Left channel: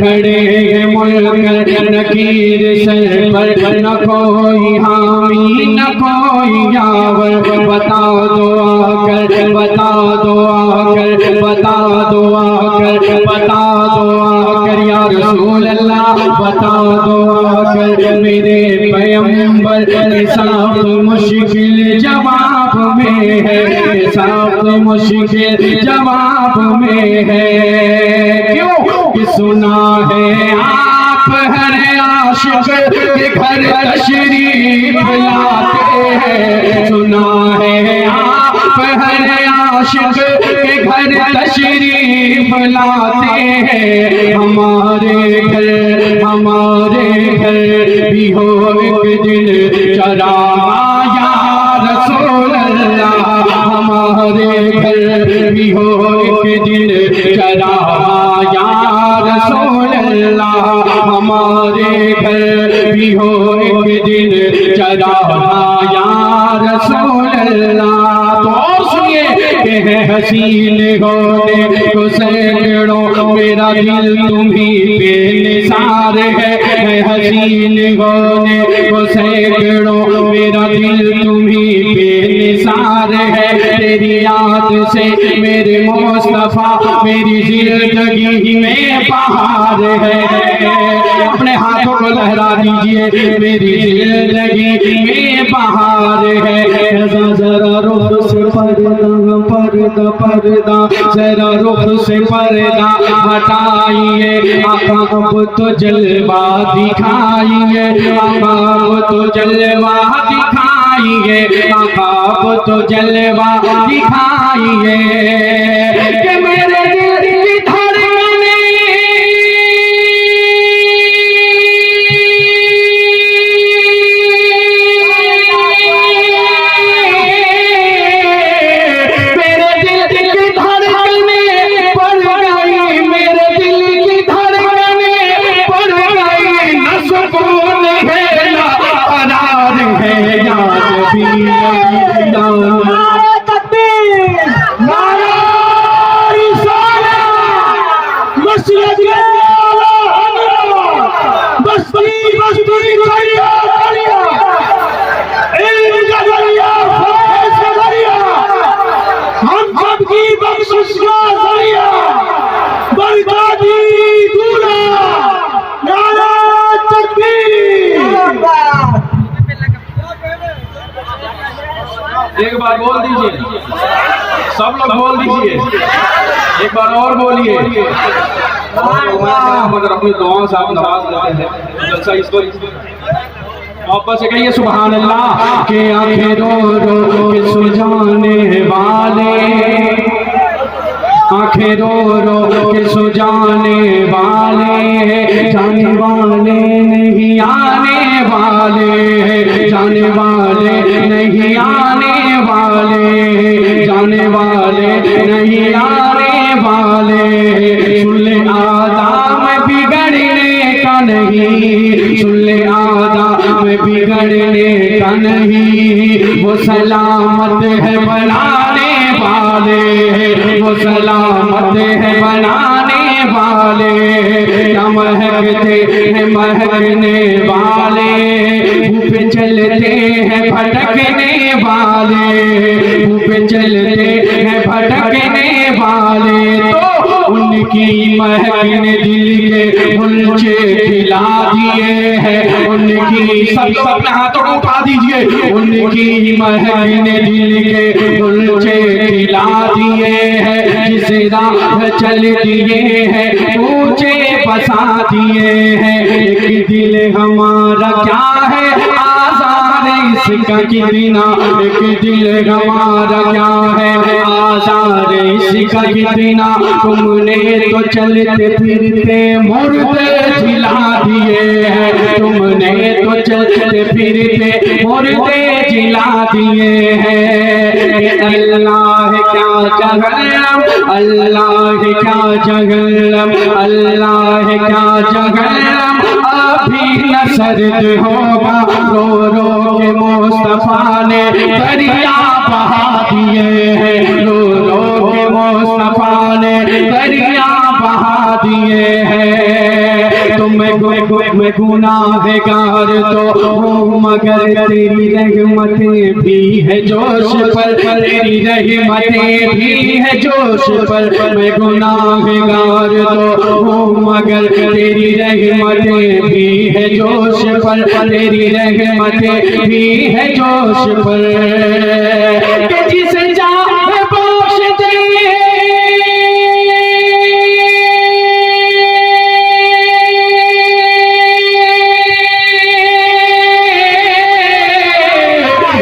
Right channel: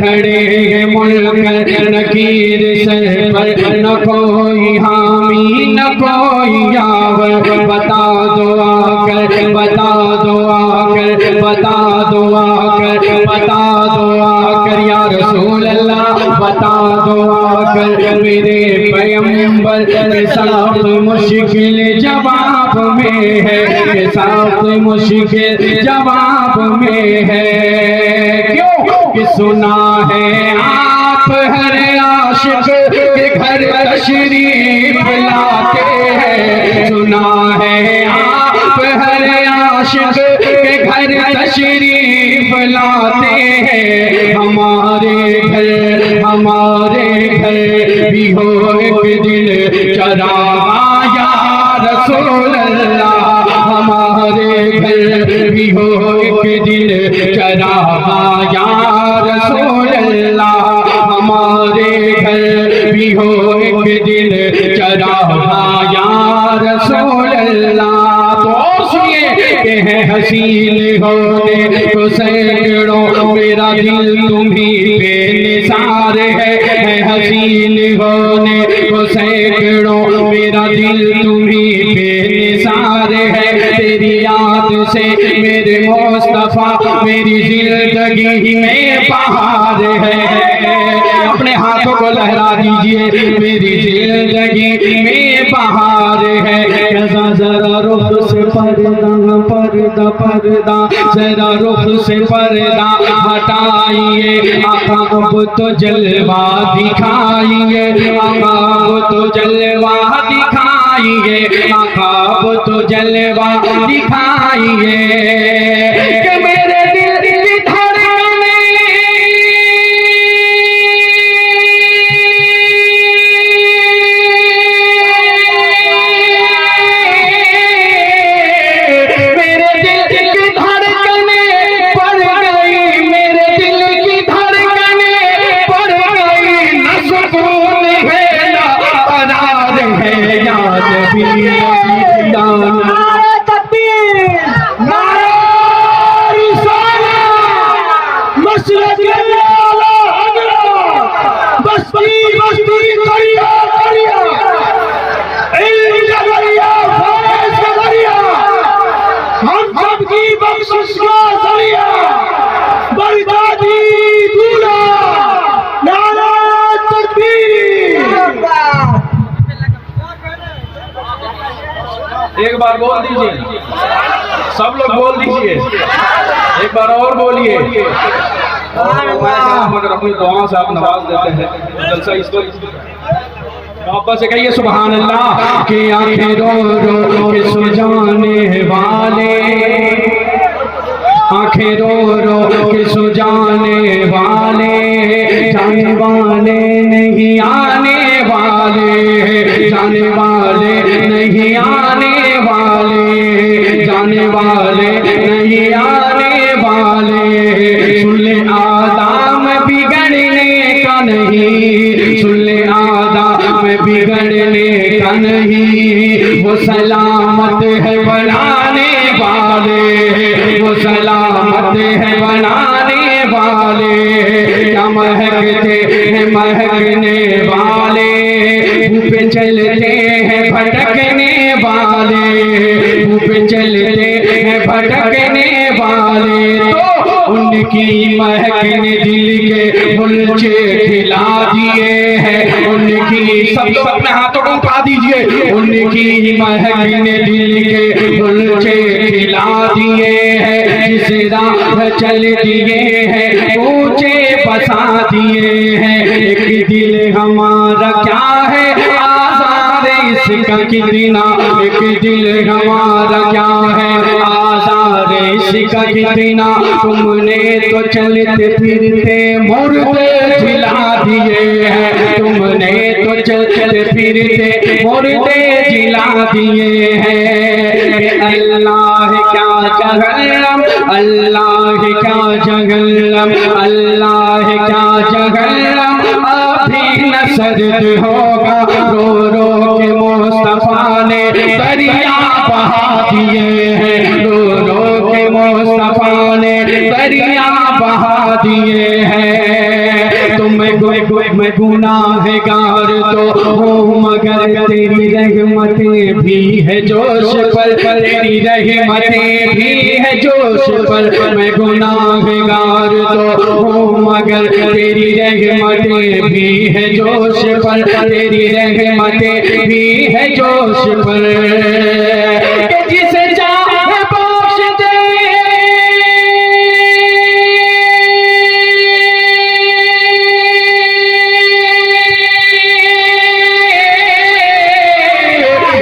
खड़े हैं मुनकर नकीर सर पर, न कोई हामी न कोई यावर। बता दो आकर, बता दो आकर, बता दो आकर, बता दो आकर या रसूल अल्लाह, बता दो आकर मेरे पैगंबर। हिसाब मुश्किल जवाब में है, हिसाब मुश्किल जवाब में है। क्यों कि सुना है आप हर आशिक के घर तशरीफ लाते हैं, सुना है आप हर आशिक के घर तशरीफ लाते हैं। हमारे घर भी हो एक दिन चरागा या रसूल अल्लाह, हमारे घर भी हो एक दिन चरागा या रसूल अल्लाह, हमारे घर भी हो एक दिन चरागा या रसूल अल्लाह। तो और सुनिए कि है हसीन होने को सैकड़ों, मेरा दिल तुम्ही पे निसार है हसीन होने को सैकड़ों, मेरा दिल तुम्ही पे निसार है। तेरी याद से मेरे मुस्तफा मेरी जिंदगी में बहार है। अपने हाथों को लहरा दीजिए, मेरी जिंदगी में बहार है। जरा रुख से पर्दा पर्दा पर्दा, जरा रुख से पर्दा हटाइए, आका अब तो जलवा दिखाइए, आका अब तो जलवा दिखाइए, आका अब तो जलवा दिखाइए। कि मेरे दिल की धड़कने एक बार बोल दीजिए, सब लोग बोल दीजिए, एक बार और बोलिए। मगर अपनी दुआ से आप नवाज देते हैं जलसा इस पर वापस से कहिए सुभान अल्लाह। के आंखें रो रो के सुजाने वाले, आंखें रो रो के सुजाने वाले, जाने वाले नहीं आने वाले, जाने वाले नहीं आने वाले, जाने वाले नहीं आने वाले। सुन ले आदम बिगड़ने का नहीं, सुन ले आदम बिगड़ने का नहीं, वो सलामत है बनाने वाले, वो सलामत है बनाने वाले। क्या महकते हैं महकने वाले, ऊपर चलते हैं भटकने वाले, ऊपर चलते हैं भटकने वाले। तो उनकी महक ने दिल के मुलचे खिला दिए हैं, उनकी सब लोग अपने हाथों को उठा दीजिए। उनकी महक ने दिल के मुलचे खिला दिए हैं, जिस राह चल दिए हैं ऊंचे बसा दिए हैं। एक दिल हमारा क्या है आज़ाद इसका कितना, एक दिल हमारा क्या है आज़ाद इसका कितना। तुमने तो चलते फिरते मुर्दे जिला दिए हैं, तुमने तो चलते फिरते मुर्दे जिला दिए हैं। अल्लाह क्या जहन्नम, अल्लाह क्या जहन्नम, अल्लाह क्या जहन्नम अभी न सर्द होगा। रो रो के मुस्तफा ने दरिया बहा दिए हैं, रो रो के मुस्तफा ने दरिया बहा दिए हैं। जोश पर, तेरी रहमतें भी है जोश पर। मैं गुनाहगार तो हूँ मगर तेरी रहमतें भी है जोश पर, तेरी रहमतें भी है जोश पर। कि जिसे चाहे बख्श दे,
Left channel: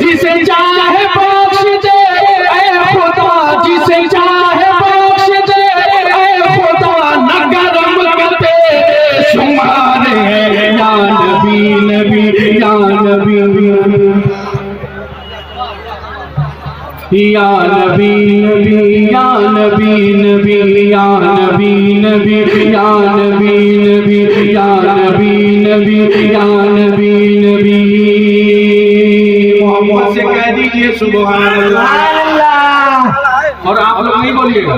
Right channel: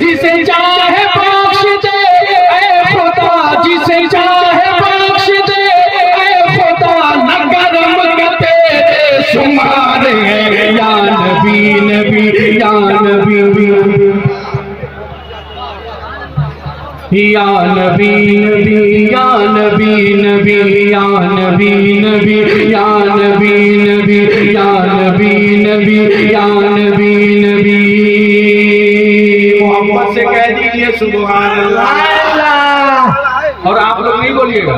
जिसे चाहे बख्श दे ऐ खुदा, जिसे चाहे बख्श दे ऐ खुदा, न गरम करते शुमारे। या नबी नबी या नबी या नबी नबी या नबी नबी या नबी नबी या नबी नबी या नबी नबी या नबी नबी। मोहम्मद से कह दीजिए सुभान अल्लाह, और आप लोग नहीं बोलिएगा।